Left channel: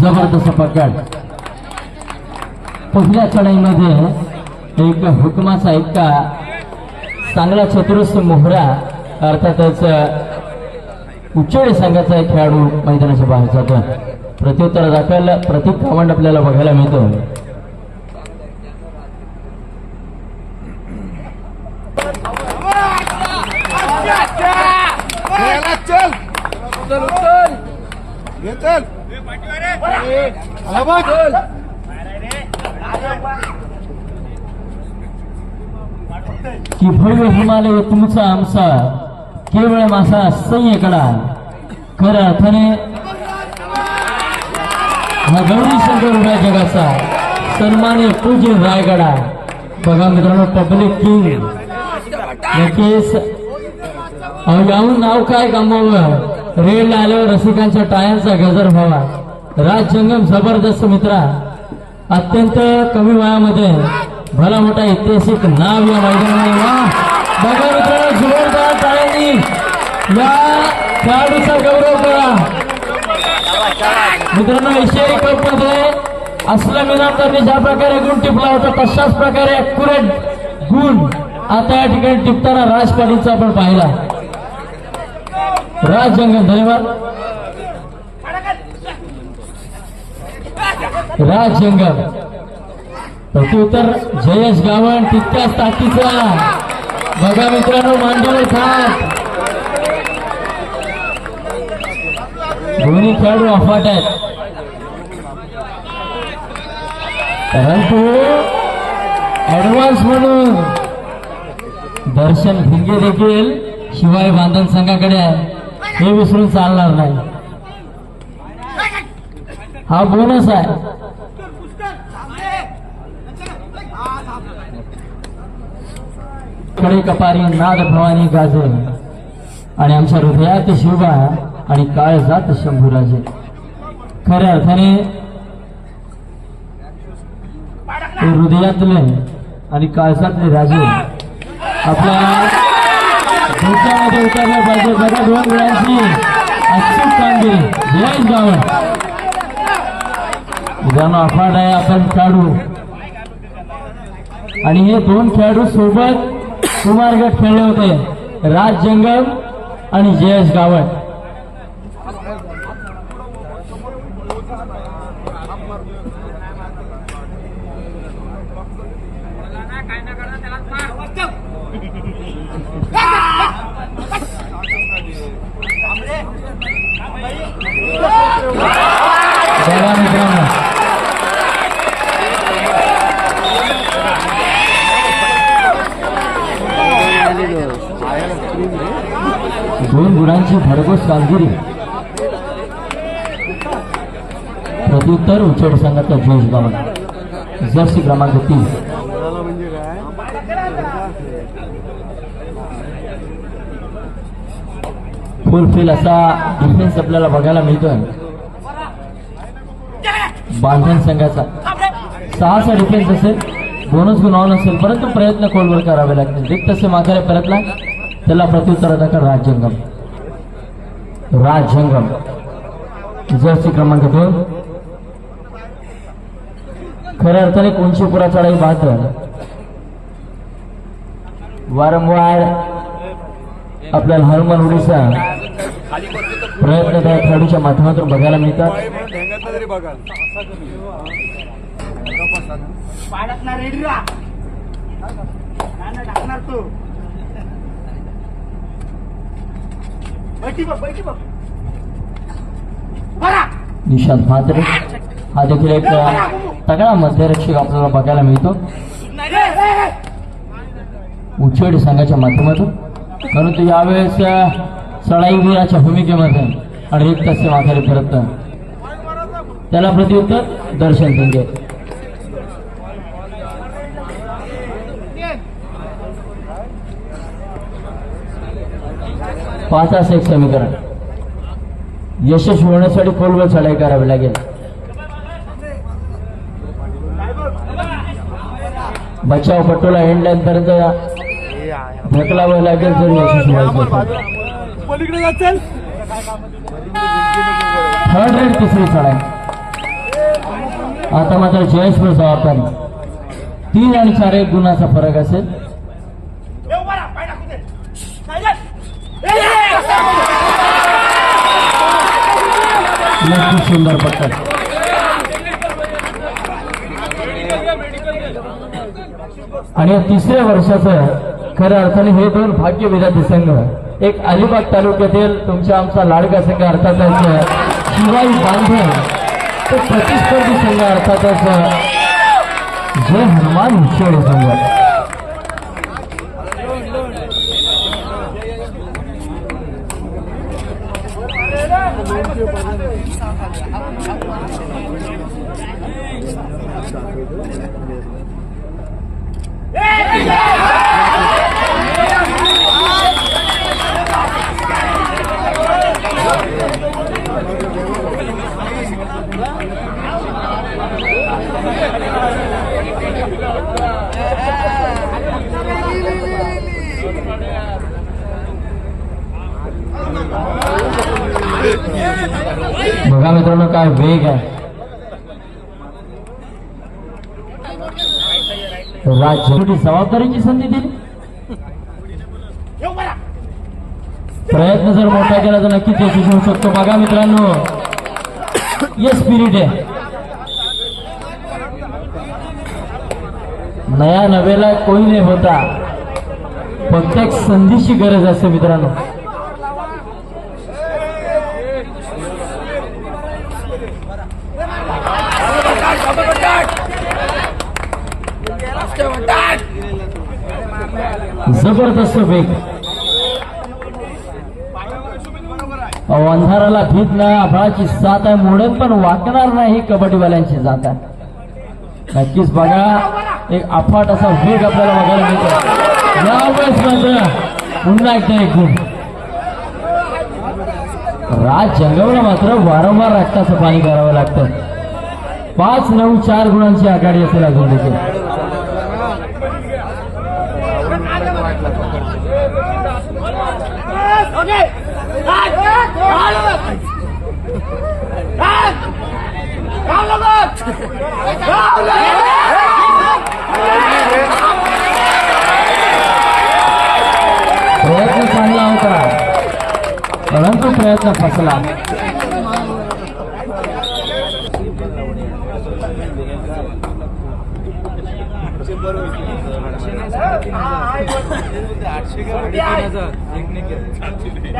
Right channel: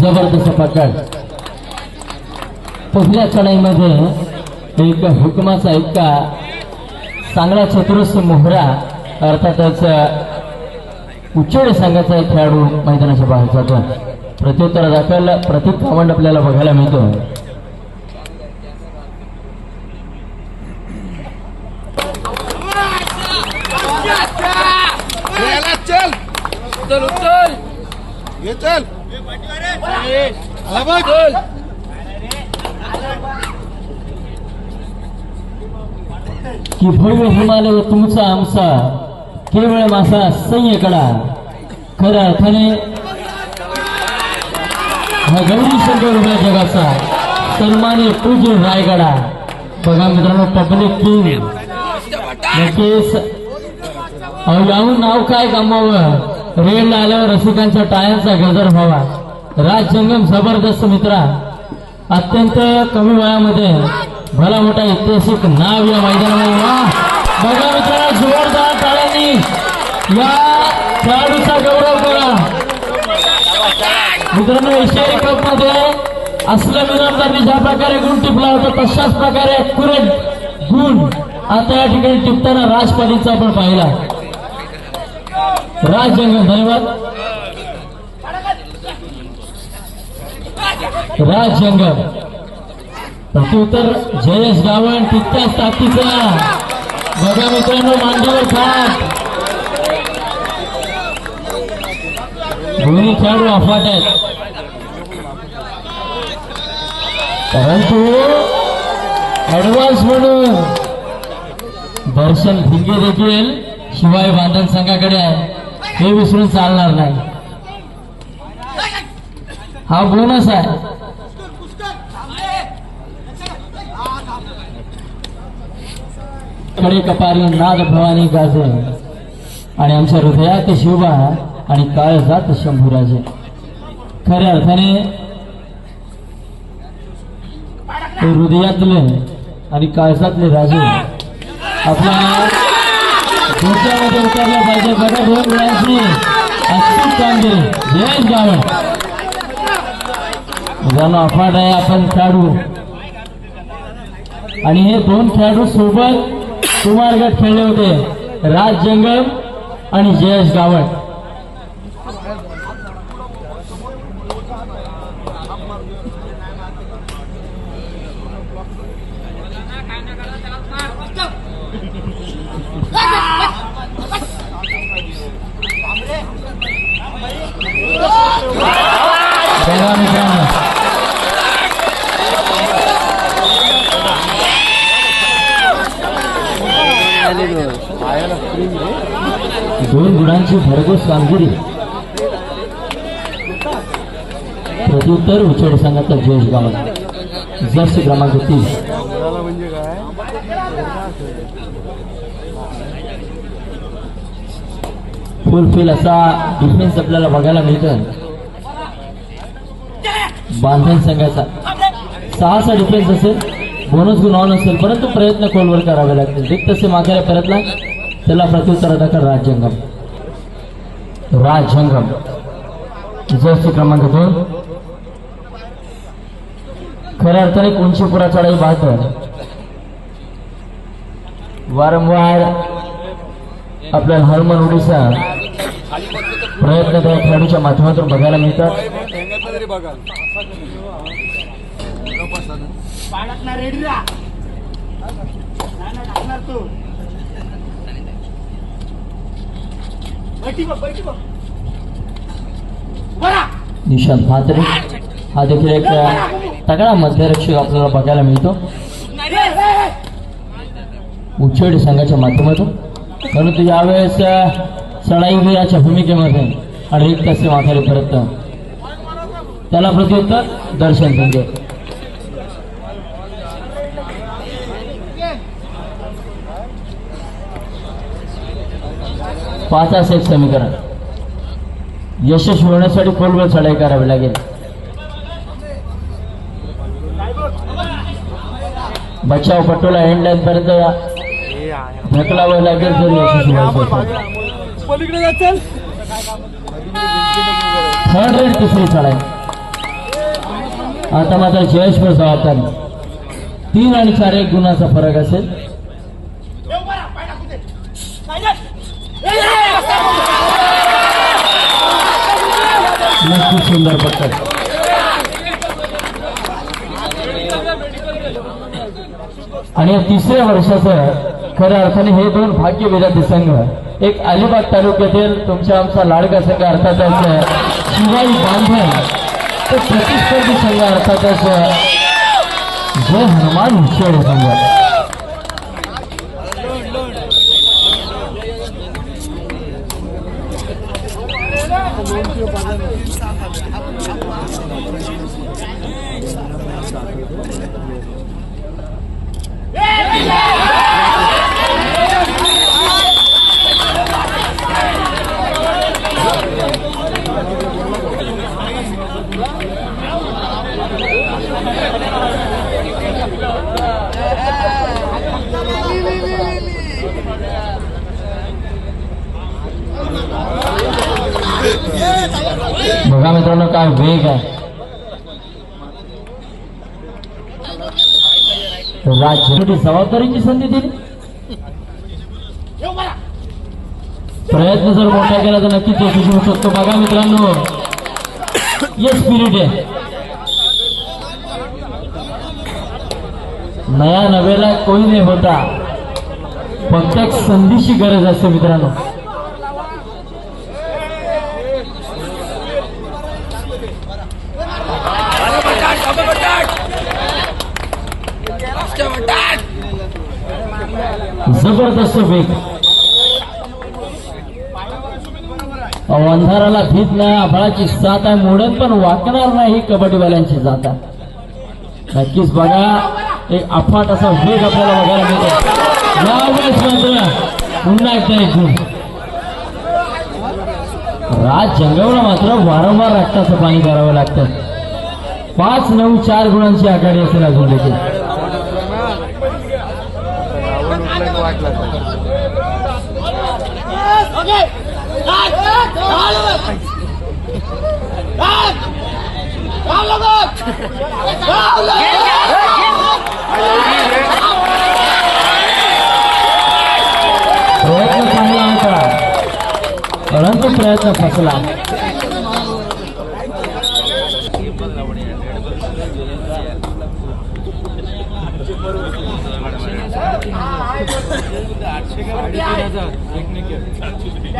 जबरदस्त पकड. पहिल्या चढाईमध्ये एक हुकमाचा इतका चांगला चतुर्थ मोहरा अर्थातच उच्चडी संघाचा खेळाडू मैदानाच्या बाहेर जातो प्रत्युत्तर दाखवायला प्रतीक कावंड आपल्याला बघायला मिळतो. कि की भव्य हिमालय तुमचा आमचा केवळ मासा संयकडा. खऱ्या अर्थाने हा गौरी शंकर उभ्या जगाचा. सन्मान्य पूज्य रायगडा. बघा मित्रांनो पब्लिक किंग नक्कीच. अहो नाव काय गमावलं? रेड आल्यावर रसिकांच्या टाळ्यांचा गजर व्हावा. राज जंगम जबरदस्त मित्रा. अत्यंत कमी वयामध्ये भला मोठा ऐतिहासिक नाव या मैदानामध्ये. बघा मित्रांनो जोरदार टाळ्यांनी या खेळाडू मित्रांनो एशियाई कपमध्ये असल्या मिनामदारने ज्या प्रकारे गुण टिपला होता. तशाच प्रकारे अॅक्युरेट गुण आता या ठिकाणी टिपताना राजपालीचा आपण पाहिला. राज जंगम धन्यवाद. राज जंगल प्रत्युत्तर जयेश गावण तितक्याच ताकदीचा बघा मित्रांनो मांडीवर ठाक दोन्ही खेळाडू अफाट आहेत. परंतु ऍडव्हान्स म्हणून दर्शन भिंगे देखील शिवाय बांधण संघाकडे आहे. हे विसरून चालणार नाही. हा बोनस आहे. कडे कपारी नाद भवानी गाजे. आणि आमच्या हृदयात शिवबा आणि काळ जात शंभूराजे खऱ्या अर्थाने ते हृदयातले आणि काळजातले राजे. आपल्या डोक्यामध्ये पाहिजे. बघा दोन वेळांची अचूक कांदे. जयेश गावण ज्यांना अफाट आहे आपण खेळाडू. आणि हे दोन खेळाडू सोबत कुमारगड खेळले होते. राज जंगल आणि जयेश गावड दोन गुणांची भरघोस कामगिरी. प्रत्युत्तर उचड संघाचा जोश गावला. जर्सी क्रमांक तीस फुलफिल असा डिफेन्स आपल्याला बघायला मिळतोय. बांधण संघाचा. सहाचा डिफेन्स बोनस गुण ऑन असेल, परंतु प्रयत्न खोलवर करावे लागतील. जे तसे मागायला परतला त्याला प्रत्युत्तर दाखल राजजंगम राजजंगम जर्सी क्रमांक दोन. खऱ्या अर्थाने कोणशीपुरा चढाई बात वारंवार आपल्याला हरमन उडीसा प्रयत्न त्या खेळाडूच्या माध्यमातून बघायला मिळतात. तरी बघाल. तू. निशांत म्हात्रे. हा देखील एक तगडा मध्यरक्षक आपल्याला बघायला मिळतो. उच्चडी संघाच्या माध्यमातून. परंतु यावेळेस सळाईवीराच्या भूमिकेमध्ये. आणि अडीच तसे माथ्याला परत. त्याला प्रत्युत्तर दर्शन संजय पाचास एक समीकरण. यशस्वी होण्यासाठी पूर्व चढाई करावी लागेल. बचाव पटोला एंड पर्यंत ढकलावं लागेल तर यशस्वी व्हायचं पलीकडे जाचल थर्ड रेड तिसरी चढाई आता मात्र जयेश जबाबदार तीन आणि चार एक गुणाचा फरक असेल. नक्कीच सुंदर पद्धत आणि या तिसऱ्या वर्षाचं खऱ्या अर्थाने हे दोन भाग्य विधाते संघ एक अलिबाग तालुक्यातील तुमच्या आमचा लाडका संघ अर्थातच शिवाई बांधव तो प्रतिस्पर्धी संघ अर्थातच जय हनुमान हुशेड संघ बघा मित्रांनो काय वेग आहे? राज्य जबाबदारीची संधी दिली. प्रयत्न जर मोठा केला तर नक्कीच यशस्वी होऊ शकतो. बघा मित्रांनो ये स्पिरिट आहे. नया नवेला कोणी नाही होता. फक्त एक संधीची गरज असते मित्रांनो. जबरदस्त वेग अंधाराला भीत नाही आभाळाची साथ आहे. मोडत पण वाकणार नाही कबड्डीवाल्यांची जात आहे. नक्कीच बघा एक अफाट असा वेग आपल्याला बघायला मिळतो. यावेळेस मात्र म्हणजे पुन्हा एकदा एक गुण राज जंगवला मात्र वारंवार रक्ताचं पाणी करावं लागतं पाच नऊ चार गुणांची आघाडी असेल अजून देखील. प्रयत्न चांगला होता परंतु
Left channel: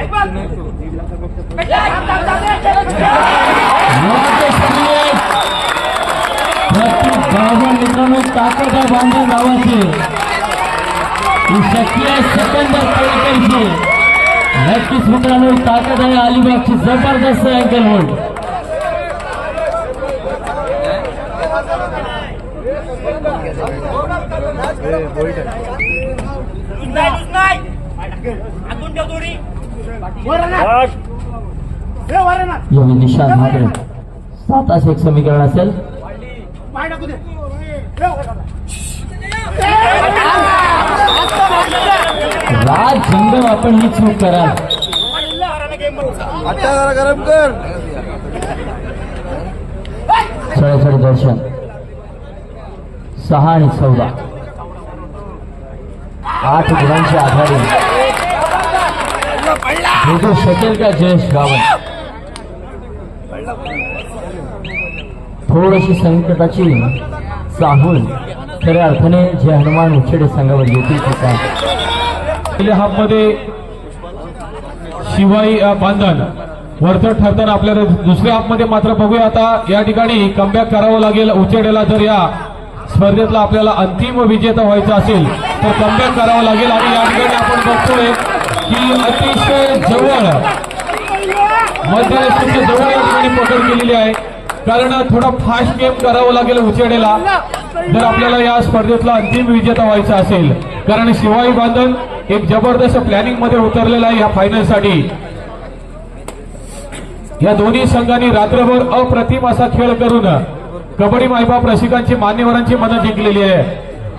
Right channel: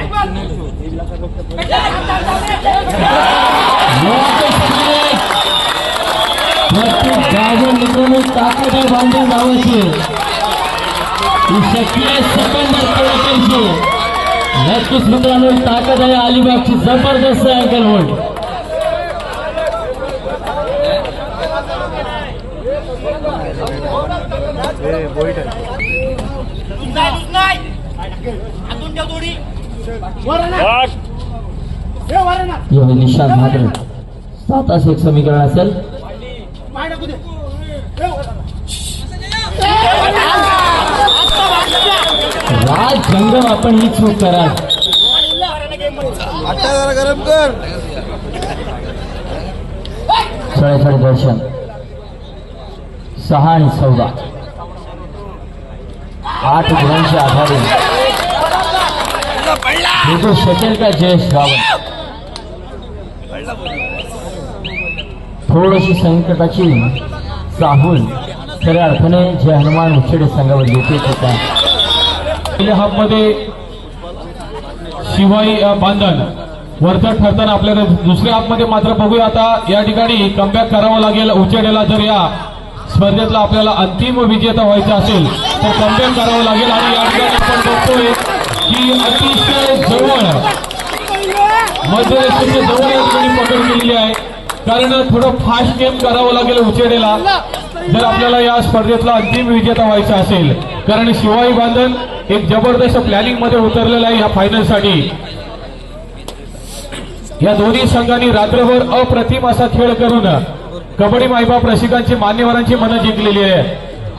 प्रयत्न फसला प्रत्येक गाजर मित्रांनो ताकद आहे बांधव गावाची ही शक्ती आहे सेकंदर पळकरची नक्कीच मित्रांनो ही ताकद निशान मात्र एक समीकरण असेल. हे. राज जंगम आपण ही चूक कराल छळछळ दर्शन सहा आणि चौदा. आठ गुणांची आघाडी भेटू शकेल का जयेश रावण थोडीशी संकटाची चाहूल खऱ्या अर्थाने जे हनुमान उच्छेडे संघावर येते होता पहिल्या हाफमध्ये शिवाई बांधन वरचा ठरताना आपल्याला दुसऱ्या हाफमध्ये मात्र बघूया आता या ठिकाणी कमबॅक करावं लागेल उचेडेला जर या स्पर्धेतला आपल्याला अंतिम विजेता व्हायचा असेल तर कमबॅक करावं लागेल आणि या ठिकाणी आपण बघतोय की अतिशय जवळ मध्यरस्त्याच्या जवळ या ठिकाणी पकड केलेली आहे. कारण थोडं फास्ट गेम करावं लागेल उचेडेला जर आपल्याला या स्पर्धेतला अंतिम विजेता व्हायचा असेल. कारण शिवाई बांधन एक जबरदस्त प्लॅनिंगमध्ये उतरलेला आहे या फायनलसाठी या दोन्ही संघांनी रात्रभर अप्रतिम असा खेळ करून कबड्डी मायबाप रसिकांची मान्यवरांची मनं जिंकलेली आहे.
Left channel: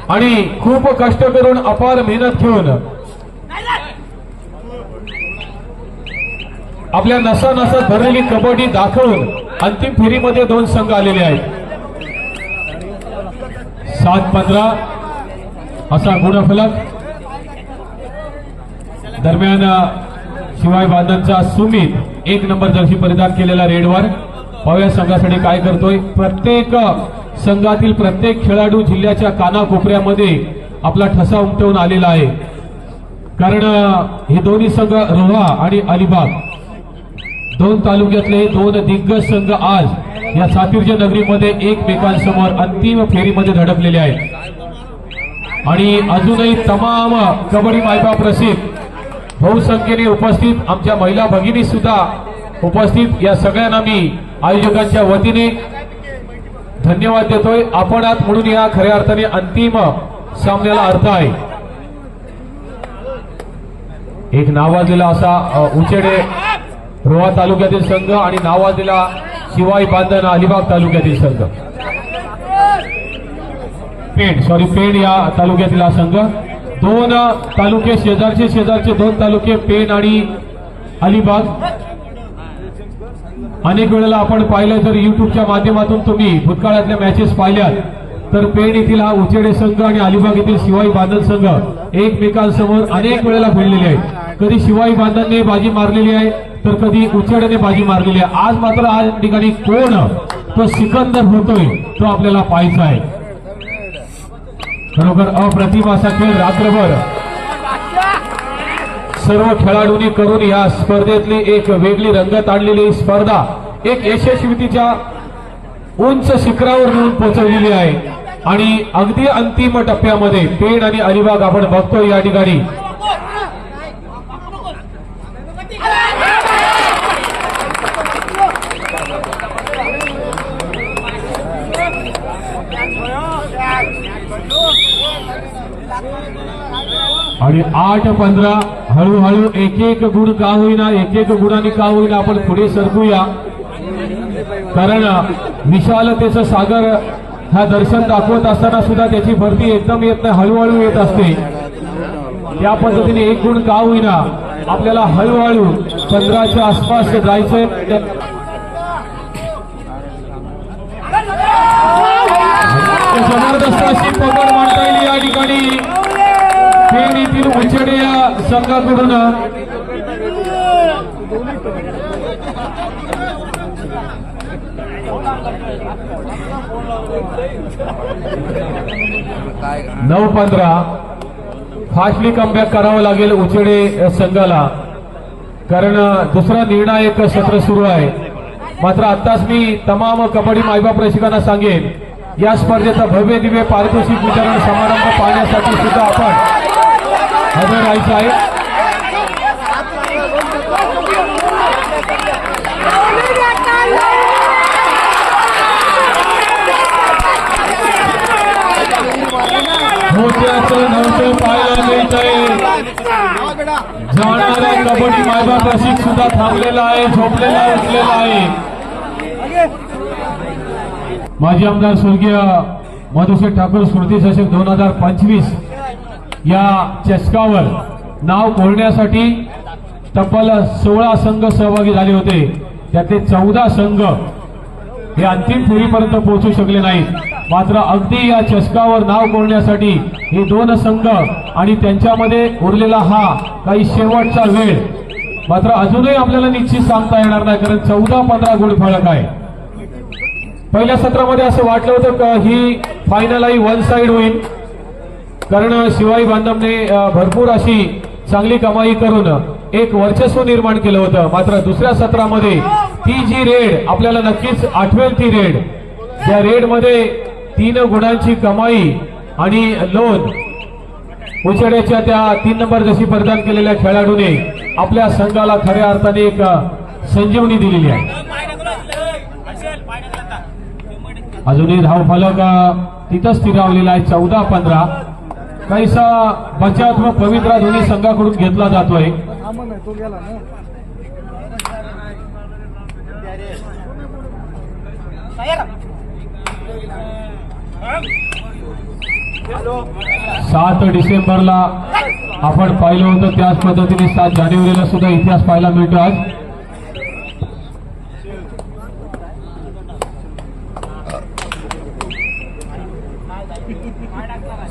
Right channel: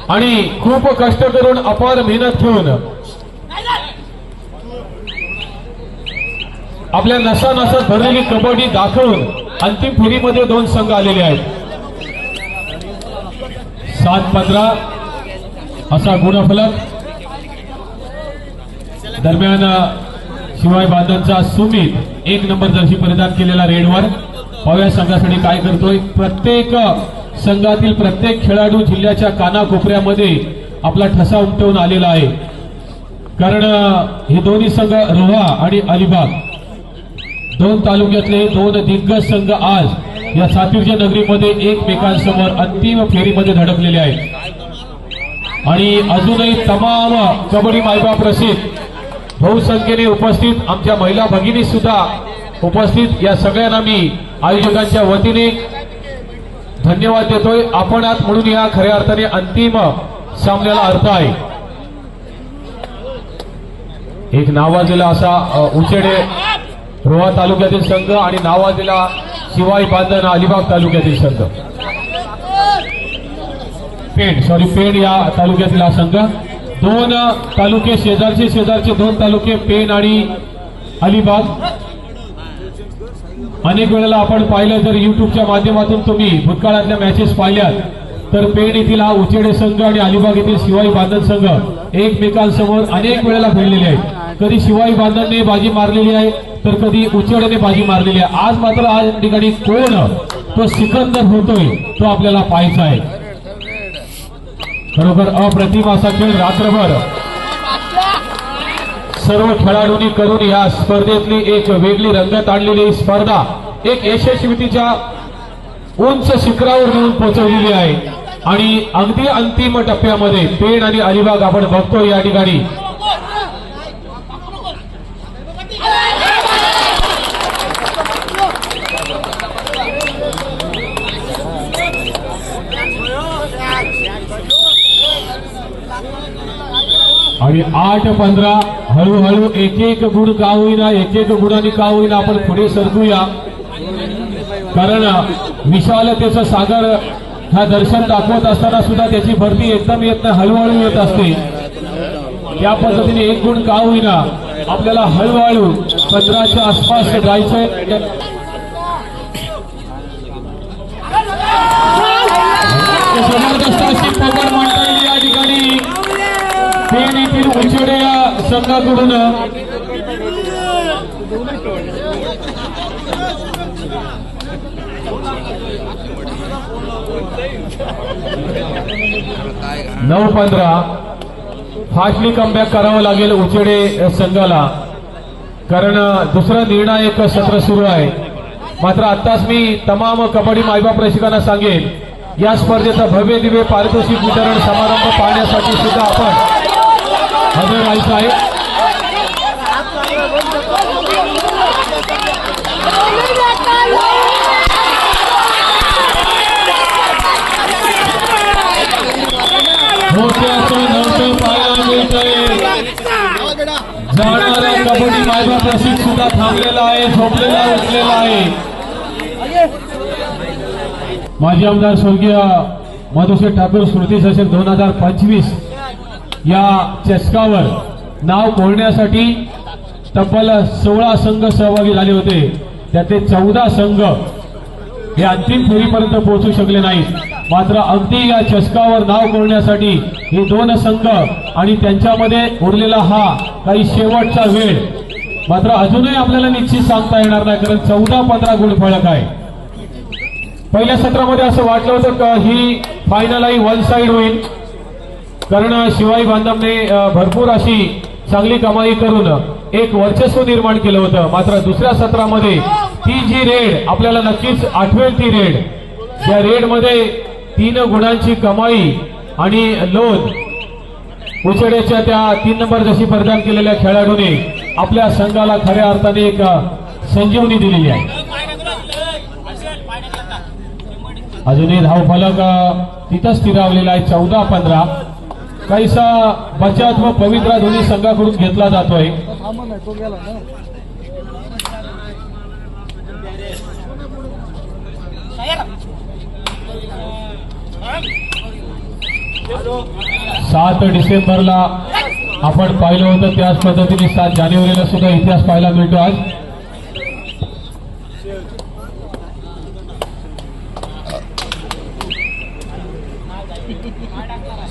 आणि खूप कष्ट करून अपार मेहनत घेऊन आपल्या नसा नसा भरलेली कबड्डी दाखवून अंतिम फेरीमध्ये दोन संघ आलेले आहेत. सात पंधरा असा गुणफलक दरम्यान शिवाय बादनचा सुमित एक नंबर दर्शी परिधान केलेला रेडवर पाहूया संघासाठी काय करतोय. प्रत्येक संघातील प्रत्येक खेळाडू जिल्ह्याच्या कानाकोपऱ्यामध्ये आपला ठसा उमटवून आलेला आहे. कारण हे दोन्ही संघ रोहा आणि अलिबाग. दोन तालुक्यातले दोन दिग्गज संघ आज या सातीरच्या नगरीमध्ये एकमेकांसमोर अंतिम फेरीमध्ये धडकलेले आहेत. आणि अजूनही तमाम कबड्डी मायबाप रसिक बहुसंख्येने उपस्थित आमच्या महिला भगिनी सुद्धा उपस्थित. या सगळ्यांना मी आयोजकांच्या वतीने धन्यवाद देतोय. आपण आत म्हणून या खऱ्या अर्थाने अंतिम सामन्याला अर्थ आहे. एक नावाजलेला असा उचेडे रोहा तालुक्यातील संघ आणि नावाजीला शिवाई बांधण अलिबाग तालुक्यातील संघ. पेण सॉरी पेण या तालुक्यातील हा संघ. दोन तालुके शेजारचे शेजारचे दोन तालुके पेण आणि अलिबाग. अनेक वेळेला आपण पाहिलं तर युट्यूबच्या माध्यमातून तुम्ही भूतकाळातल्या मॅचेस पाहिल्यात. तर पेण येथील हा उचेडे संघ आणि अलिबाग येथील शिवाई बांधण संघ एकमेकांसमोर अनेक वेळेला भिडलेले आहेत. कधी शिवाई बांधनने बाजी मारलेली आहे तर कधी उचेडने बाजी मारलेली आहे. आज मात्र आज या ठिकाणी कोण तो सिकंदर होतोय तो आपल्याला पाहायचा आहे. खरोखर अप्रतिम असा खेळ रात्रभर सर्व खेळाडूंनी करून या स्पर्धेतली एक वेगळी रंगत आणलेली स्पर्धा एक यशस्वीतीच्या उंच शिखरावर म्हणून पोहोचवलेली आहे. आणि अगदी अंतिम टप्प्यामध्ये पेड आणि अलिबाग आपण बघतो या ठिकाणी. आणि आठ पंधरा हळूहळू एक एक गुण का होईना एक एक गुणांनी का होईना आपण पुढे सरकूया. कारण विशालतेचं सागर हा दर्शन दाखवत असताना सुद्धा त्याची भरती एकदम येत नाही हळूहळू येत असते. या पद्धतीने एक गुण का होईना आपल्याला हळूहळू पंधराच्या आसपास जायचंय. जबरदस्त अशी पकड म्हणता येईल या ठिकाणी पेण येथील उचेडे या संघाकडून नऊ पंधरा. फास्टली कमबॅक करावं लागेल उचेडे या संघाला. कारण दुसरा निर्णायक सत्र सुरू आहे. मात्र आत्ताच मी तमाम कबड्डी मायबा प्रेक्षकांना सांगेन या स्पर्धेचा भव्य दिव्य पारितोषिक वितरण समारंभ पाहण्यासाठी सुद्धा आपण हजर राहायचं आहे. मोत्याचं जाणाऱ्या कबड्डी माझा प्रसिद्ध सुद्धा थांबलेला आहे झोपलेला उठलेला आहे. माजी आमदार स्वर्गीय मधुसूर ठाकूर स्मृती चषक दोन हजार पंचवीस या चषकावर नाव कोरण्यासाठी तब्बल सोळा संघ सहभागी झाले होते. त्यातले चौदा संघ हे अंतिम फेरीपर्यंत पोहोचू शकले नाहीत. मात्र अगदी या चषकावर नाव कोरण्यासाठी हे दोन संघ आणि त्यांच्यामध्ये उरलेला हा काही शेवटचा वेळ. मात्र अजूनही आपल्याला निश्चित सांगता येणार नाही कारण चौदा पंधरा गुण फळक आहे. पहिल्या सत्रामध्ये असं वाटलं होतं का ही फायनल आई वन साईड होईल. कारण शिवाई बांधवने भरपूर अशी चांगली कमाई करून एक वर्चस्व निर्माण केलं होतं. मात्र दुसऱ्या सत्रामध्ये ती जी रेड आपल्याला नक्कीच आठवेल ती रेड. त्या रेडमध्ये तीन गुणांची कमाई आणि लोन. उचड्याच्या त्या तीन नंबर जशी परिधान केलेल्या खेळाडूने आपल्या संघाला खऱ्या अर्थाने एक संजीवनी दिलेली आहे. अजूनही धाव फलक तिथंच स्थिरावलेला आहे चौदा पंधरा. काहीसा बचत व पवित्रा दोन्ही संघाकडून घेतला जातोय. सात डिसेंबरला आपण पाहिलं होतं त्याच पद्धतीने सात जानेवारीला सुद्धा इतिहास पाहायला मिळतो आज.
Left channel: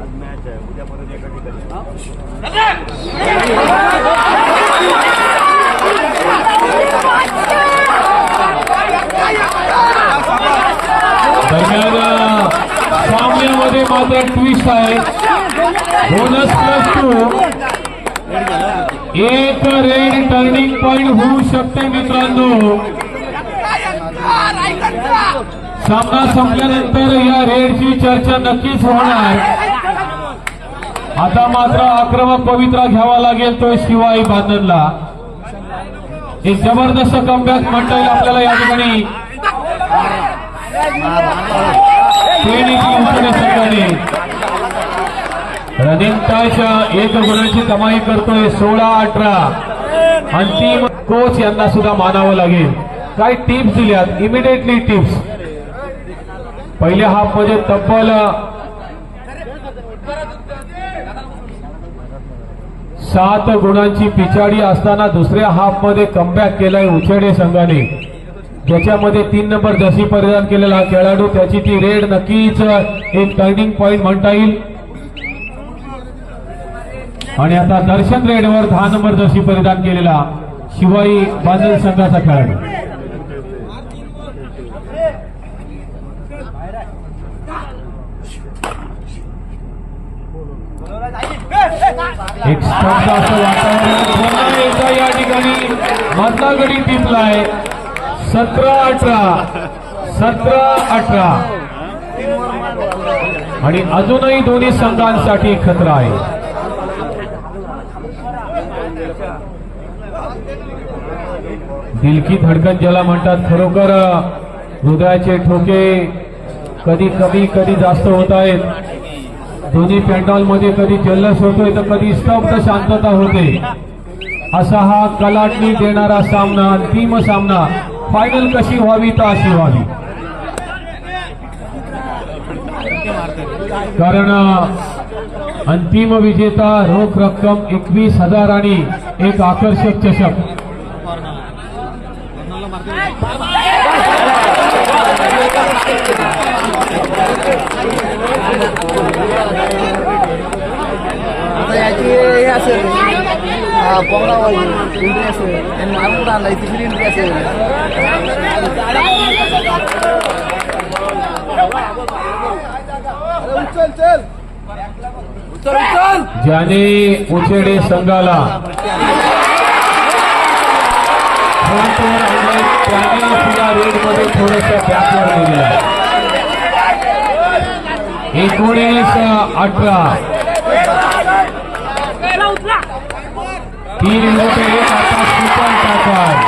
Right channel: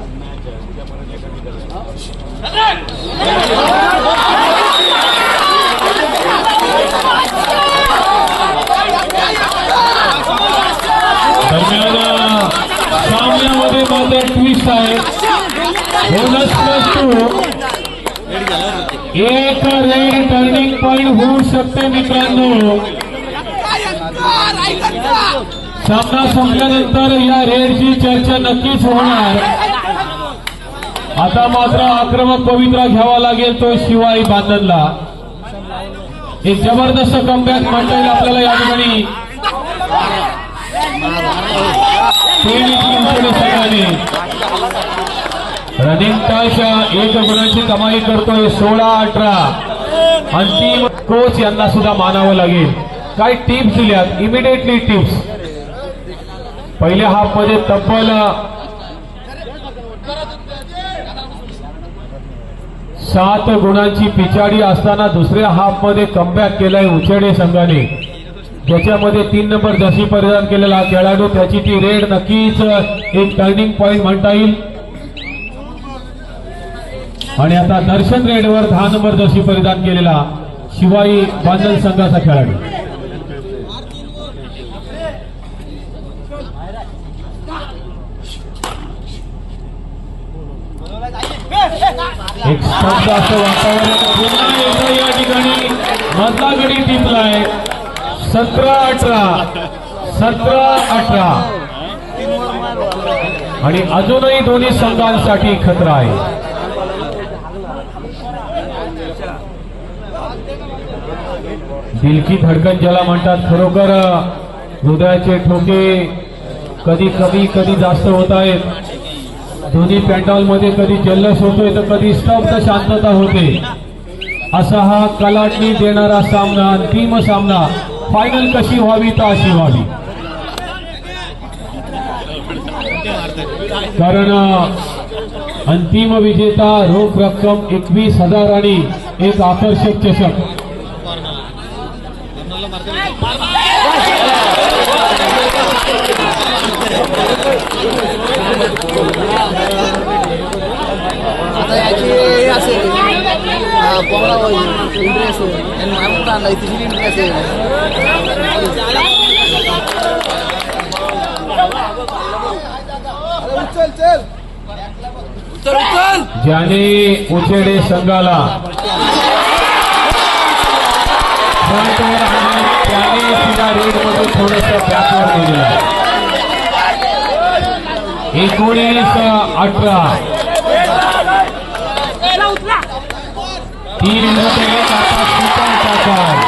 आज मॅच आहे उद्या परत एका ठिकाणी दरम्यान सामन्यामध्ये मात्र ट्विस्ट आहे. बोनस प्लस टू एक रेड टर्निंग पॉईंट होऊ शकते मित्रांनो. सामना संपल्यानंतर या रेडची चर्चा नक्कीच होणार. आता मात्र आक्रमक पवित्रा घ्यावा लागेल तो शिवाई बांधनला हे जबरदस्त कमबॅक म्हणता येईल आपल्याला या ठिकाणी. रनिंग पायच्या एक गुणांची कमाई करतोय सोळा अठरा. अंतिम कोच यांना सुद्धा मानावं लागेल. काय टिप्स दिल्यात. इमिडिएटली टिप्स पहिल्या हाफमध्ये तब्बल सात गुणांची पिछाडी असताना दुसऱ्या हाफमध्ये कमबॅक केलाय उचेडे संघाने. ज्याच्यामध्ये तीन नंबर जशी परिधान केलेला खेळाडू त्याची ती रेड नक्कीच एक टर्निंग पॉइंट म्हणता येईल. आणि आता दर्शन रेडवर दहा नंबर जशी परिधान केलेला शिवाई बांधल संघाचा खेळाडू. एक शब्द असं वातावरण या ठिकाणी मधला गडी टिपलाय सतरा अठरा. सतरा अठरा. आणि अजूनही दोन्ही संघांसाठी खतरा आहे. दिलकी धडकन ज्याला म्हणतात खरोखर हृदयाचे ठोके कधी कधी कधी जास्त होत आहेत. दोन्ही पॅन्डॉलमध्ये कधी जल्लस होतोय तर कधी स्तब्ध शांतता होते. असा हा कलाटणी देणारा सामना अंतिम सामना. फायनल कशी व्हावी तर अशी व्हावी. कारण अंतिम विजेता रोख रक्कम एकवीस हजार आणि एक आकर्षक चषक. आता याची हे असेल कोंबडा होईल इंट्री असेल आणि मारून आणलाय तिसरी इंट्री असेल चल चल ज्याने उचेडे संघाला त्याने सुद्धा रेडमध्ये थोडस बॅकवर गेलेलं एकोणीस अठरा तीन विरुद्ध एक आता